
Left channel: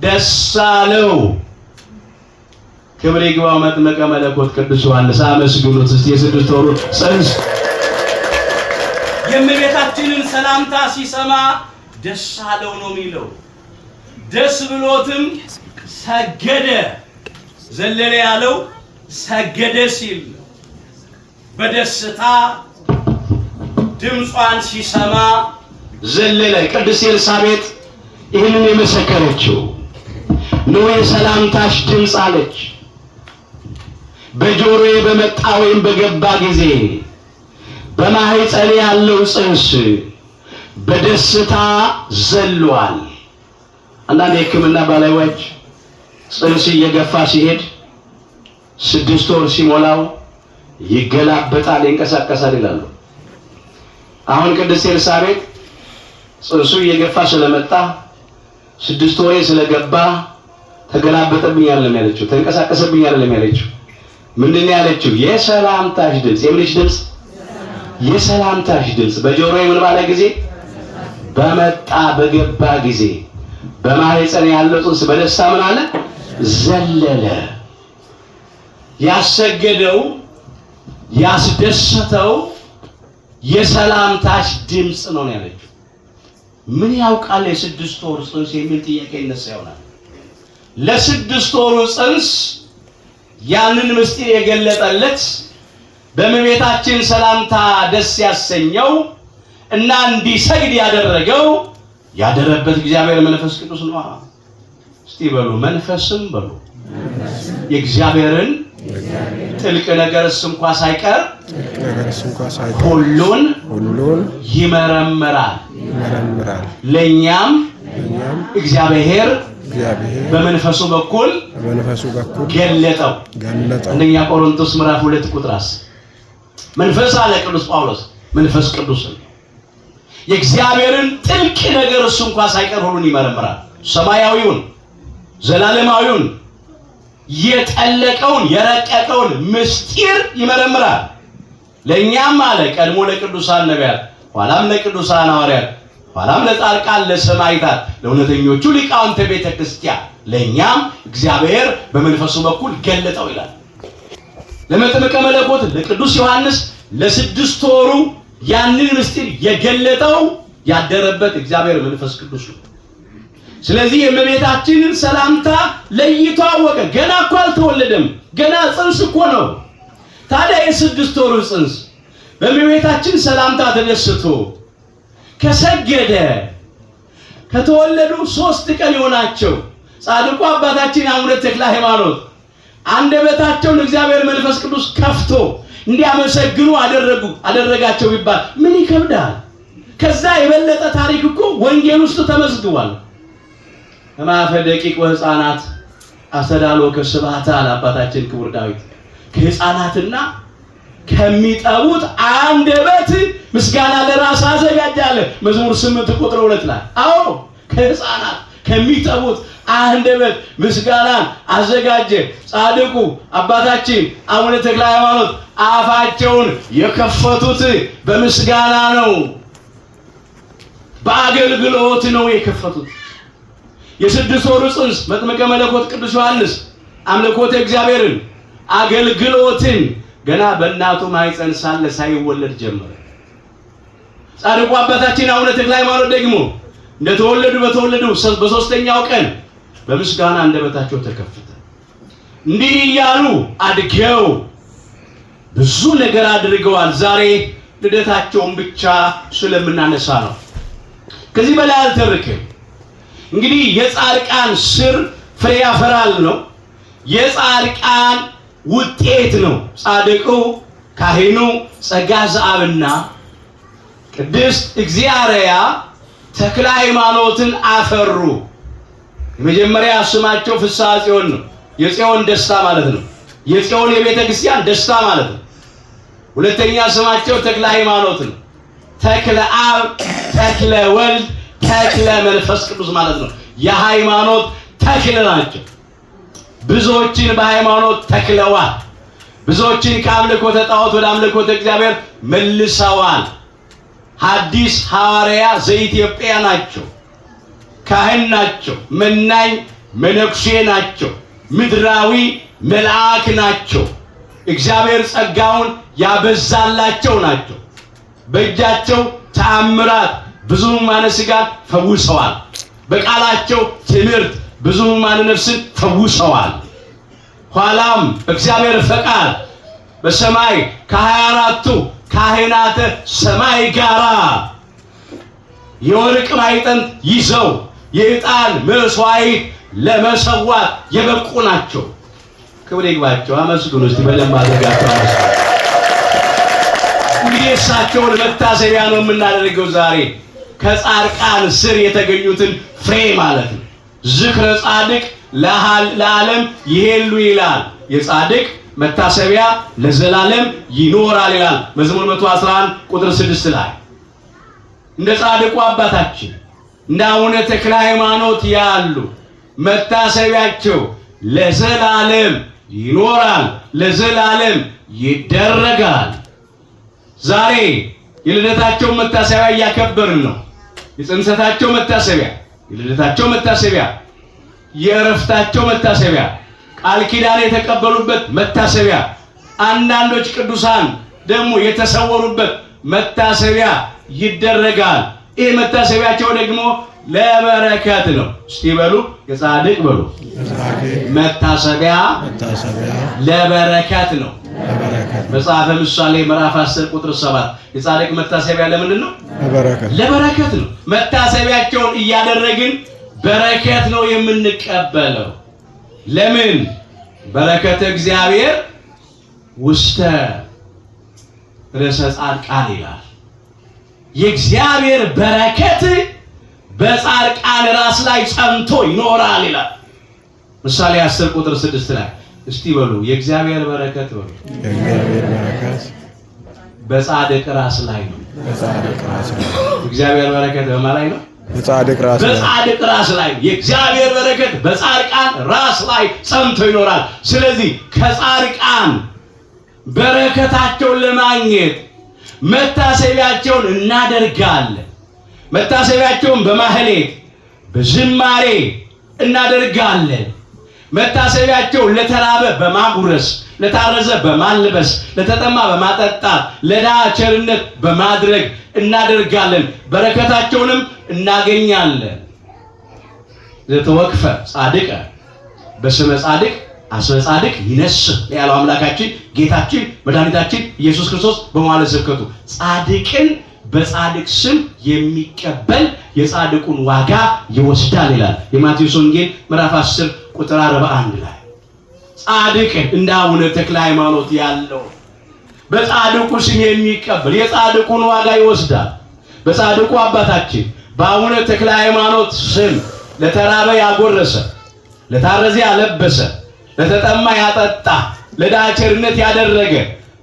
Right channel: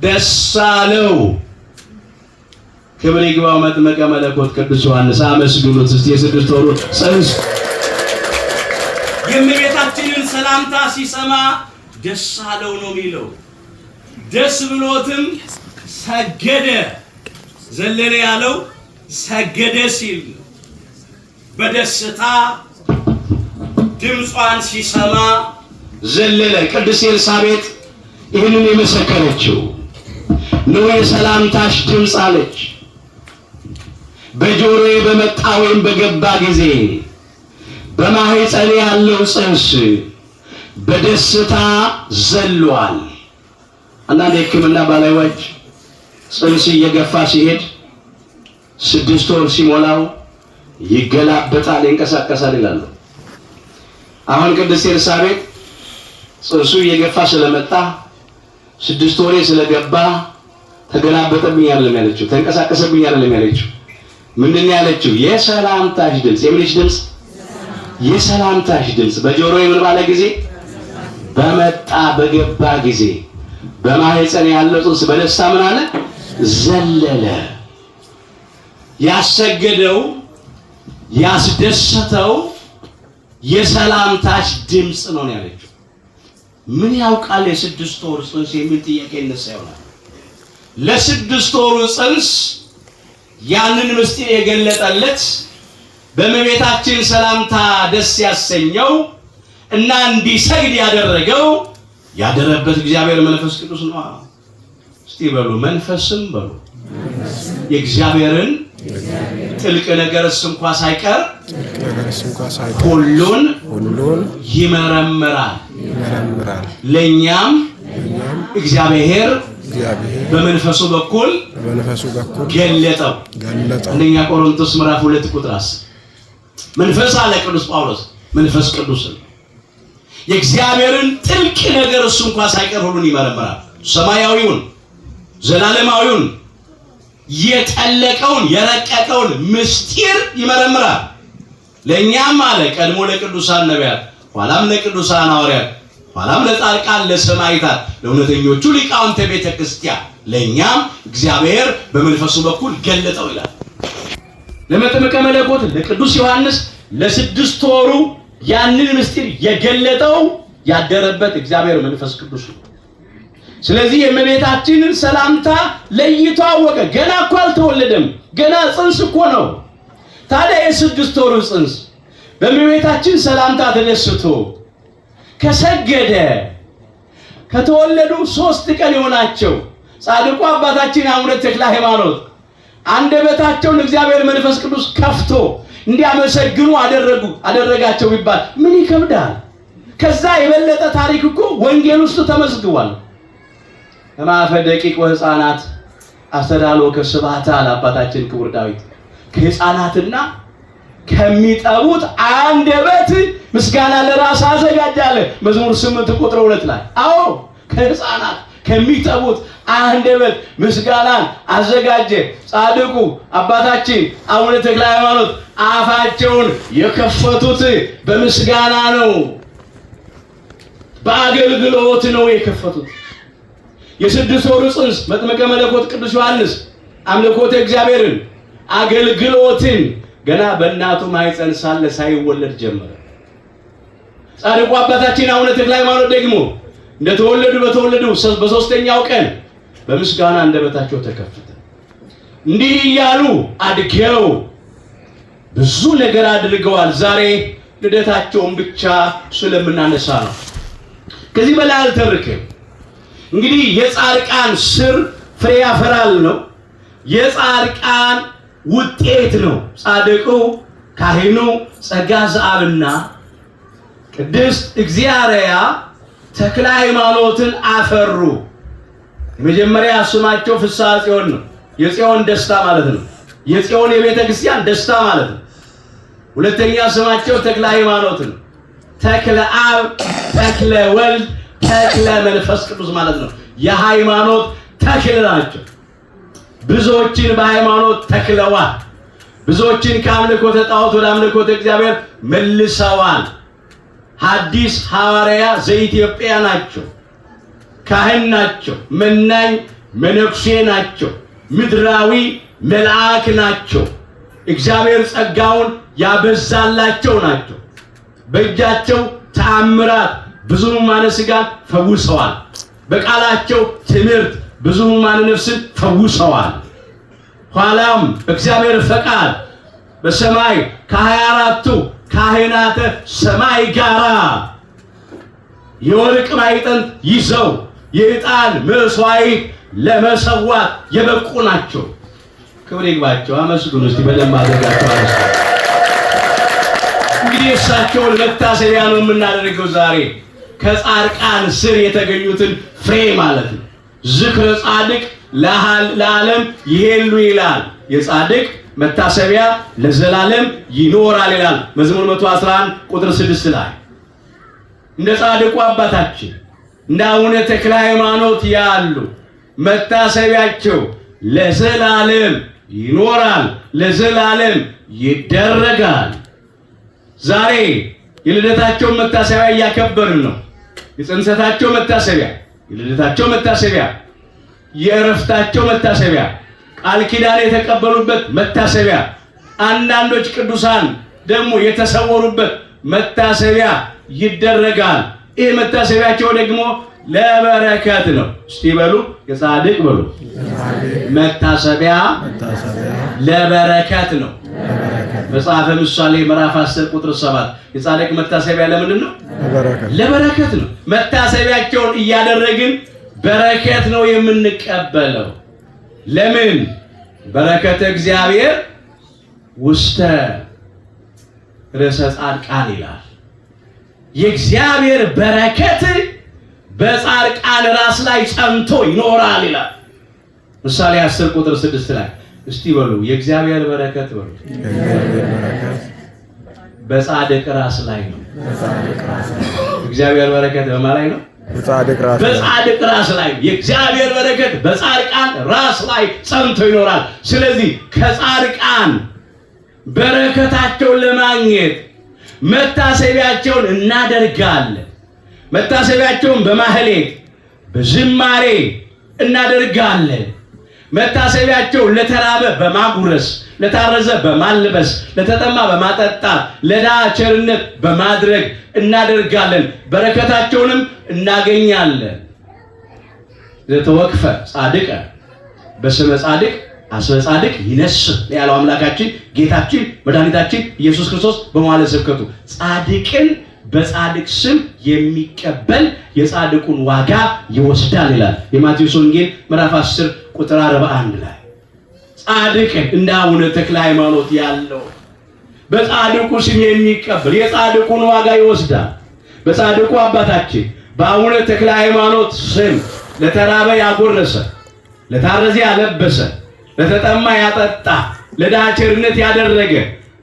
ደስ አለው። ክብር ይግባው መጥምቀ መለኮት ቅዱስ ዮሐንስ። አመስግኑት እስቲ። የ6 ወሩ ጽንስ የእመቤታችንን ሰላምታ ሲሰማ ደስ አለው ነው የሚለው። ደስ ብሎትም ሰገደ። ዘለለ ያለው ሰገደ ሲል ነው። በደስታ ድምጿን ሲሰማ ዘለለ። ቅድስት ኤልሳቤጥ ይህንን የመሰከረችው ነው የሰላምታሽ ድምፅ አለች። በጆሮዬ በመጣ ወይም በገባ ጊዜ በማህፀኔ ያለው ጽንስ በደስታ ዘሏል። አንዳንድ የሕክምና ባለሙያዎች ጽንስ እየገፋ ሲሄድ 6 ወር ሲሞላው ይገላበጣል፣ ይንቀሳቀሳል ይላሉ። አሁን ቅድስት ኤልሳቤጥ ጽንሱ እየገፋ ስለመጣ 6 ወሬ ስለገባ ተገላበጠብኝ አይደለም ያለችው፣ ተንቀሳቀሰብኝ አይደለም ያለችው። ምንድን ነው ያለችው? የሰላምታሽ ድምፅ። የምንሽ ድምፅ? የሰላምታሽ ድምፅ በጆሮዬ ምን ባለ ጊዜ? በመጣ በገባ ጊዜ በማህፀን ያለው ጽንስ በደስታ ምን አለ? ዘለለ። ያሰገደው ያስደሰተው የሰላምታሽ ድምፅ ነው ያለችው። ምን ያውቃል የ6 ወር ጽንስ የሚል ጥያቄ ይነሳ ይሆናል። ለ6 ወሩ ጽንስ ያንን ምስጢር የገለጠለት በእመቤታችን ሰላምታ ደስ ያሰኘው እና እንዲሰግድ ያደረገው ያደረበት እግዚአብሔር መንፈስ ቅዱስ ነው። እስቲ በሉ መንፈስም በሉ የእግዚአብሔርን ጥልቅ ነገርስ እንኳን ሳይቀር ሁሉን ይመረምራል። ለኛም እግዚአብሔር በመንፈሱ በኩል ገለጠው። አንደኛ ቆሮንቶስ ምዕራፍ 2 ቁጥር 10 መንፈስ አለ ቅዱስ ጳውሎስ መንፈስ ቅዱስ የእግዚአብሔርን ጥልቅ ነገር እሱ እንኳን ሳይቀር ሁሉን ይመረምራል። ሰማያዊውን ዘላለማዊውን የጠለቀውን የረቀቀውን ምስጢር ይመረምራል። ለኛም አለ ቀድሞ ለቅዱሳን ነቢያት፣ ኋላም ለቅዱሳን ሐዋርያት፣ ኋላም ለጻድቃን ለሰማዕታት፣ ለእውነተኞቹ ሊቃውንተ ቤተ ክርስቲያን ለኛም እግዚአብሔር በመንፈሱ በኩል ገለጠው ይላል። ለመጥምቀ መለኮት ለቅዱስ ዮሐንስ ለ6 ወሩ ያንን ምስጢር የገለጠው ያደረበት እግዚአብሔር መንፈስ ቅዱስ ነው። ስለዚህ የእመቤታችንን ሰላምታ ለይቶ አወቀ። ገና እኮ አልተወለደም፣ ገና ጽንስ እኮ ነው። ታዲያ የ6 ወሩ ጽንስ በእመቤታችን ሰላምታ ተደስቶ ከሰገደ ከተወለዱ 3 ቀን የሆናቸው ጻድቁ አባታችን አቡነ ተክለ ሃይማኖት አንደበታቸውን እግዚአብሔር መንፈስ ቅዱስ ከፍቶ እንዲያመሰግኑ አደረጋቸው ቢባል ምን ይከብዳል? ከዛ የበለጠ ታሪክ እኮ ወንጌል ውስጥ ተመዝግቧል። ከማፈ ደቂቅ ወሕፃናት አስተዳሎ ከስብሐተ አባታችን ክቡር ዳዊት ከሕፃናትና ከሚጠቡት አንደበት ምስጋና ለራስ አዘጋጃለሁ መዝሙር 8 ቁጥር 2 ላይ። አዎ ከሕፃናት ከሚጠቡት አንደበት ምስጋናን አዘጋጀ። ጻድቁ አባታችን አቡነ ተክለ ሃይማኖት አፋቸውን የከፈቱት በምስጋና ነው፣ በአገልግሎት ነው የከፈቱት። የ6 ወሩ ጽንስ መጥምቀ መለኮት ቅዱስ ዮሐንስ አምልኮተ እግዚአብሔርን አገልግሎትን ገና በእናቱ ማኅፀን ሳለ ሳይወለድ ጀመረ። ጻድቁ አባታችን አቡነ ተክለ ሃይማኖት ደግሞ በተወለዱ በ3ኛው ቀን በምስጋና አንደበታቸው ተከፈተ። እንዲህ እያሉ አድገው ብዙ ነገር አድርገዋል። ዛሬ ልደታቸውን ብቻ ስለምናነሳ ነው። ከዚህ በላይ አልተርክም። እንግዲህ የጻድቃን ስር ፍሬ ያፈራል ነው፣ የጻድቃን ውጤት ነው። ጻድቁ ካህኑ ጸጋ ዘአብና ቅድስት እግዚአርያ ተክለ ሃይማኖትን አፈሩ። መጀመሪያ ስማቸው ፍስሐ ጽዮን ነው። የጽዮን ደስታ ማለት ነው። የጽዮን የቤተ ክርስቲያን ደስታ ማለት ነው። ሁለተኛ ስማቸው ተክለ ሃይማኖት ነው። ተክለ አብ፣ ተክለ ወልድ፣ ተክለ መንፈስ ቅዱስ ማለት ነው። የሃይማኖት ተክለ ናቸው። ብዙዎችን በሃይማኖት ተክለዋል። ብዙዎችን ከአምልኮተ ጣዖት ወደ አምልኮተ እግዚአብሔር መልሰዋል። ሐዲስ ሐዋርያ ዘኢትዮጵያ ናቸው። ካህን ናቸው። መናኝ መነኩሴ ናቸው። ምድራዊ መልአክ ናቸው። እግዚአብሔር ጸጋውን ያበዛላቸው ናቸው። በእጃቸው ተአምራት ብዙ ሕሙማነ ሥጋን ፈውሰዋል። በቃላቸው ትምህርት ብዙ ሕሙማነ ነፍስን ፈውሰዋል። ኋላም እግዚአብሔር ፈቃድ በሰማይ ከ24ቱ ካህናተ ሰማይ ጋራ የወርቅ ማዕጠንት ይዘው የዕጣን መስዋዕት ለመሰዋት የበቁ ናቸው። ክብር ይግባቸው። አመስግኑ እስቲ በደንብ አድርጋችሁ አመስግኑ። እንግዲህ እሳቸውን መታሰቢያ ነው የምናደርገው ዛሬ ከጻድቃን ስር የተገኙትን ፍሬ ማለት ነው። ዝክረ ጻድቅ ለዓለም ይሄሉ ይላል። የጻድቅ መታሰቢያ ለዘላለም ይኖራል ይላል መዝሙር 111 ቁጥር 6 ላይ። እንደ ጻድቁ አባታችን እንደ አቡነ ተክለ ሃይማኖት ያሉ መታሰቢያቸው ለዘላለም ይኖራል፣ ለዘላለም ይደረጋል። ዛሬ የልደታቸው መታሰቢያ እያከበርን ነው። የጽንሰታቸው መታሰቢያ፣ የልደታቸው መታሰቢያ፣ የእረፍታቸው መታሰቢያ፣ ቃል ኪዳን የተቀበሉበት መታሰቢያ፣ አንዳንዶች ቅዱሳን ደግሞ የተሰወሩበት መታሰቢያ ይደረጋል። ይህ መታሰቢያቸው ደግሞ ለበረከት ነው። እስቲ በሉ የጻድቅ በሉ መታሰቢያ ለበረከት ነው። መጽሐፈ ምሳሌ ምዕራፍ 10 ቁጥር 7 የጻድቅ መታሰቢያ ለምንድን ነው? ለበረከት ነው። መታሰቢያቸውን እያደረግን በረከት ነው የምንቀበለው። ለምን? በረከተ እግዚአብሔር ውስተ ርእሰ ጻድቃን ይላል። የእግዚአብሔር በረከት በጻድቃን ራስ ላይ ጸንቶ ይኖራል ይላል ምሳሌ 10 ቁጥር 6 ላይ። እስቲ በሉ የእግዚአብሔር በረከት በሉ የእግዚአብሔር በረከት በጻድቅ ራስ ላይ ነው። እግዚአብሔር በረከት በማን ላይ ነው? በጻድቅ ራስ ላይ። የእግዚአብሔር በረከት በጻድቃን ራስ ላይ ጸንቶ ይኖራል። ስለዚህ ከጻድቃን በረከታቸውን ለማግኘት መታሰቢያቸውን እናደርጋለን። መታሰቢያቸውን በማህሌት በዝማሬ እናደርጋለን። መታሰቢያቸውን ለተራበ በማጉረስ፣ ለታረዘ በማልበስ፣ ለተጠማ በማጠጣት፣ ለድሃ ቸርነት በማድረግ እናደርጋለን። በረከታቸውንም እናገኛለን። ዘተወክፈ ጻድቀ በስመ ጻድቅ አስበ ጻድቅ ይነስህ ያለው አምላካችን ጌታችን መድኃኒታችን ኢየሱስ ክርስቶስ በመዋዕለ ስብከቱ ጻድቅን በጻድቅ ስም የሚቀበል የጻድቁን ዋጋ ይወስዳል ይላል የማቴዎስ ወንጌል ምዕራፍ 10 ቁጥር 41 ላይ። ጻድቅን እንደ አቡነ ተክለ ሃይማኖት ያለው በጻድቁ ስም የሚቀበል የጻድቁን ዋጋ ይወስዳል። በጻድቁ አባታችን በአቡነ ተክለ ሃይማኖት ስም ለተራበ ያጎረሰ፣ ለታረዘ ያለበሰ፣ ለተጠማ ያጠጣ፣ ለድሃ ቸርነት ያደረገ፣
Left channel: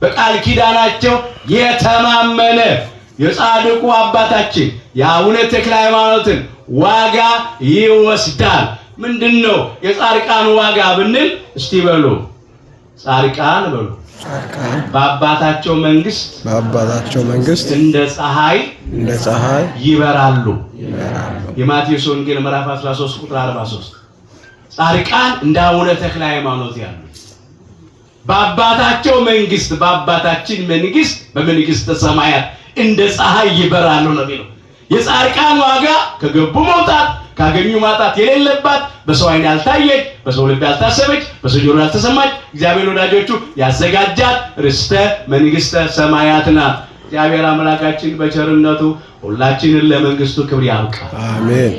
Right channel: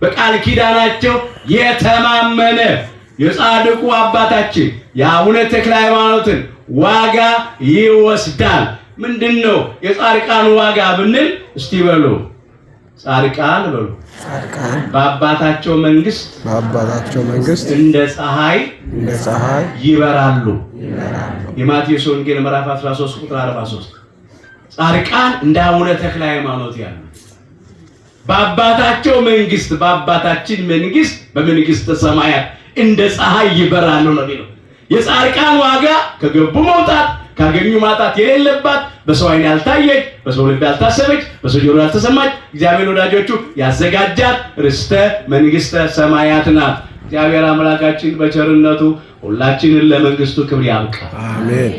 በቃል ኪዳናቸው የተማመነ የጻድቁ አባታችን የአቡነ ተክለ ሃይማኖትን ዋጋ ይወስዳል። ምንድነው የጻድቃን ዋጋ ብንል እስቲ በሉ ጻድቃን በሉ በአባታቸው መንግስት እንደ ፀሐይ ይበራሉ። የማቴዎስ ወንጌል ምዕራፍ 13 ቁጥር 43። ጻድቃን እንደ አቡነ ተክለ ሃይማኖት ያሉ በአባታቸው መንግስት በአባታችን መንግስት በመንግስተ ሰማያት እንደ ፀሐይ ይበራሉ ነው የሚለው። የጻድቃን ዋጋ ከገቡ መውጣት ካገኙ ማጣት የሌለባት በሰው ዓይን ያልታየች በሰው ልብ ያልታሰበች በሰው ጆሮ ያልተሰማች እግዚአብሔር ወዳጆቹ ያዘጋጃት ርስተ መንግስተ ሰማያት ናት። እግዚአብሔር አምላካችን በቸርነቱ ሁላችንን ለመንግስቱ ክብር ያብቃል። አሜን።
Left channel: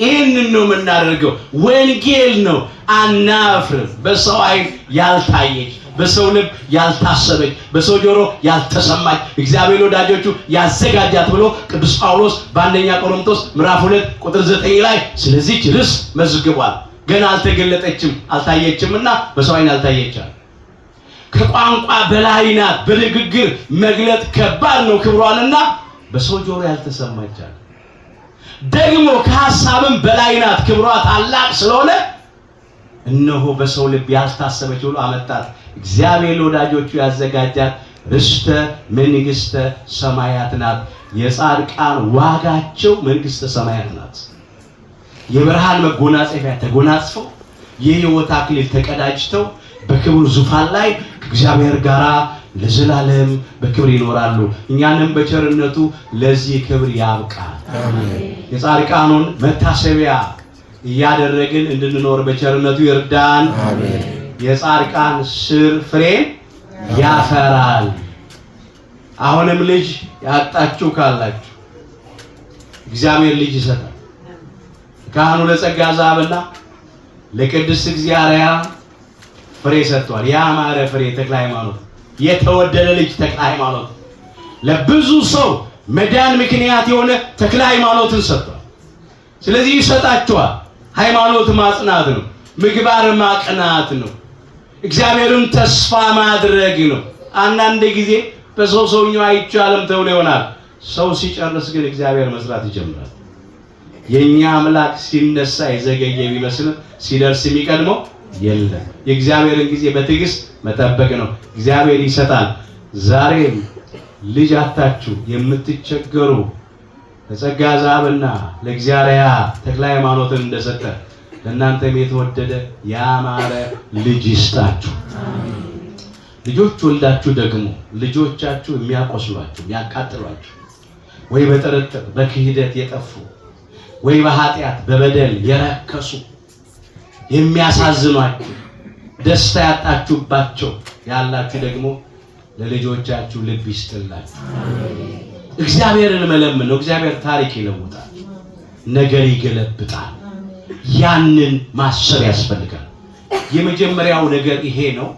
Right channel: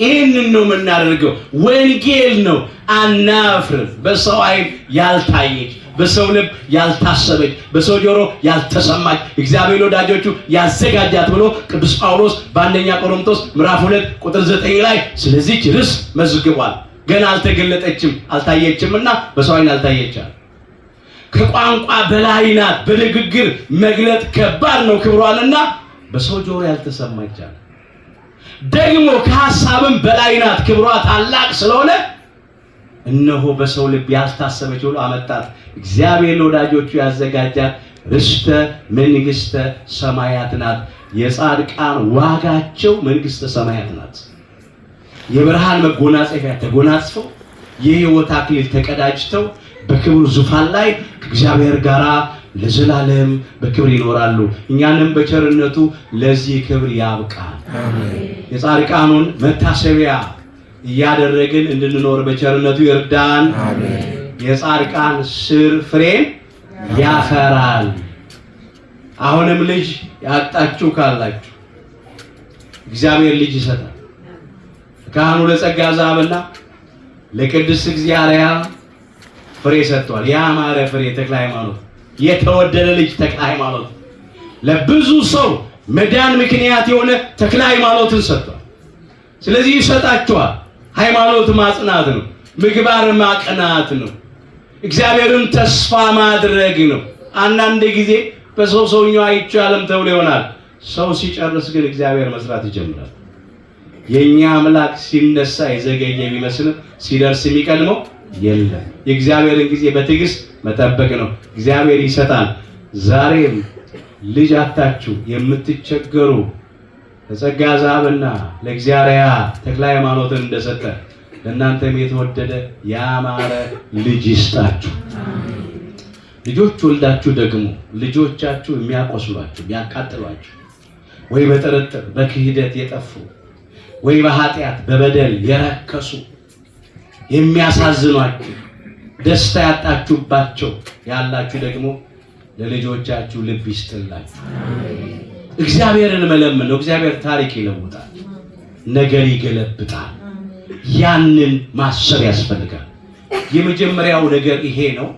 ይህንን ነው የምናደርገው። ወንጌል ነው። አናፍርም። በሰው ዓይን ያልታየች በሰው ልብ ያልታሰበች በሰው ጆሮ ያልተሰማች እግዚአብሔር ወዳጆቹ ያዘጋጃት ብሎ ቅዱስ ጳውሎስ በአንደኛ ቆሮንቶስ ምዕራፍ 2 ቁጥር 9 ላይ ስለዚህ ርስ መዝግቧል። ገና አልተገለጠችም አልታየችምና በሰው ዓይን ያልታየቻል። ከቋንቋ በላይ ናት። በንግግር መግለጥ ከባድ ነው ክብሯንና በሰው ጆሮ ያልተሰማቻል። ደግሞ ከሐሳብም በላይ ናት። ክብሯ ታላቅ ስለሆነ እነሆ በሰው ልብ ያልታሰበች ብሎ አመጣት። እግዚአብሔር ለወዳጆቹ ያዘጋጃት ርስተ መንግስተ ሰማያት ናት። የጻድቃን ዋጋቸው መንግስተ ሰማያት ናት። የብርሃን መጎናጸፊያ ተጎናጽፈው የሕይወት አክሊል ተቀዳጅተው በክብር ዙፋን ላይ ከእግዚአብሔር ጋር ለዘላለም በክብር ይኖራሉ። እኛንም በቸርነቱ ለዚህ ክብር ያብቃል። አሜን። የጻድቃኑን መታሰቢያ እያደረግን እንድንኖር በቸርነቱ ይርዳን። አሜን። የጻድቃን ስር ፍሬ ያፈራል። አሁንም ልጅ ያጣችሁ ካላችሁ እግዚአብሔር ልጅ ይሰጣል። ካህኑ ለጸጋ ዛብና ለቅድስት እግዚአብሔር ፍሬ ሰጥቷል። ያማረ ፍሬ ተክለ ሃይማኖት፣ የተወደደ ልጅ ተክለ ሃይማኖት፣ ለብዙ ሰው መዳን ምክንያት የሆነ ተክለ ሃይማኖትን ሰጥቷል። ስለዚህ ይሰጣቸዋል። ሃይማኖት ማጽናት ነው። ምግባር ማቅናት ነው። እግዚአብሔርን ተስፋ ማድረግ ነው። አንዳንድ ጊዜ በሰውኛው አይቻልም ተብሎ ይሆናል። ሰው ሲጨርስ ግን እግዚአብሔር መስራት ይጀምራል። የኛ አምላክ ሲነሳ የዘገየ ቢመስል ሲደርስ የሚቀድመው የለም። የእግዚአብሔርን ጊዜ በትዕግስት መጠበቅ ነው። እግዚአብሔር ይሰጣል። ዛሬም ልጅ አጣችሁ የምትቸገሩ ለጸጋ ዛብና ለእግዚአብሔር ተክለ ሃይማኖትን እንደሰጠ ለእናንተም የተወደደ ያማረ ልጅ ይስጣችሁ። ልጆች ወልዳችሁ ደግሞ ልጆቻችሁ የሚያቆስሏችሁ የሚያቃጥሏችሁ ወይ በጥርጥር በክህደት የጠፉ ወይ በኃጢአት በበደል የረከሱ የሚያሳዝኗችሁ ደስታ ያጣችሁባቸው ያላችሁ ደግሞ ለልጆቻችሁ ልብ ይስጥላችሁ። እግዚአብሔርን መለመን ነው። እግዚአብሔር ታሪክ ይለውጣል፣ ነገር ይገለብጣል። ያንን ማሰብ ያስፈልጋል። የመጀመሪያው ነገር ይሄ ነው።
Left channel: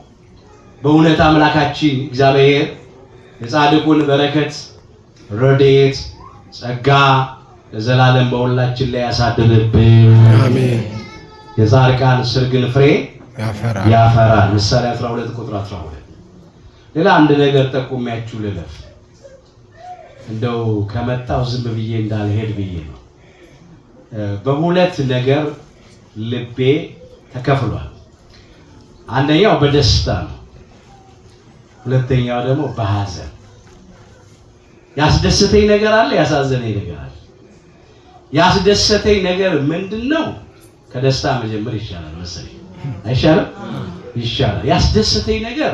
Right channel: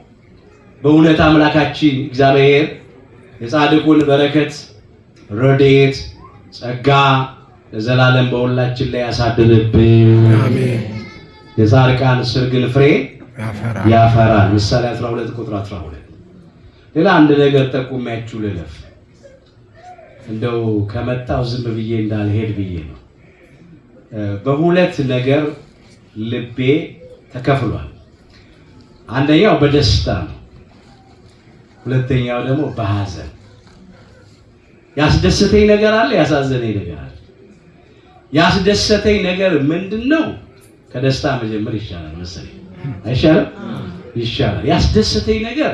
በእውነት አምላካችን እግዚአብሔር የጻድቁን በረከት ረድኤት ጸጋ ለዘላለም በሁላችን ላይ ያሳድርብን። አሜን። የጻድቃን ስር ግን ፍሬ ያፈራል። ምሳሌ 12 ቁጥር 12። ሌላ አንድ ነገር ጠቁሜያችሁ ልለፍ፣ እንደው ከመጣው ዝም ብዬ እንዳልሄድ ብዬ ነው። በሁለት ነገር ልቤ ተከፍሏል። አንደኛው በደስታ ነው፣ ሁለተኛው ደግሞ በሐዘን። ያስደሰተኝ ነገር አለ፣ ያሳዘነኝ ነገር አለ። ያስደሰተኝ ነገር ምንድነው? ከደስታ መጀመር ይሻላል መሰለኝ። አይሻልም? ይሻላል። ያስደሰተኝ ነገር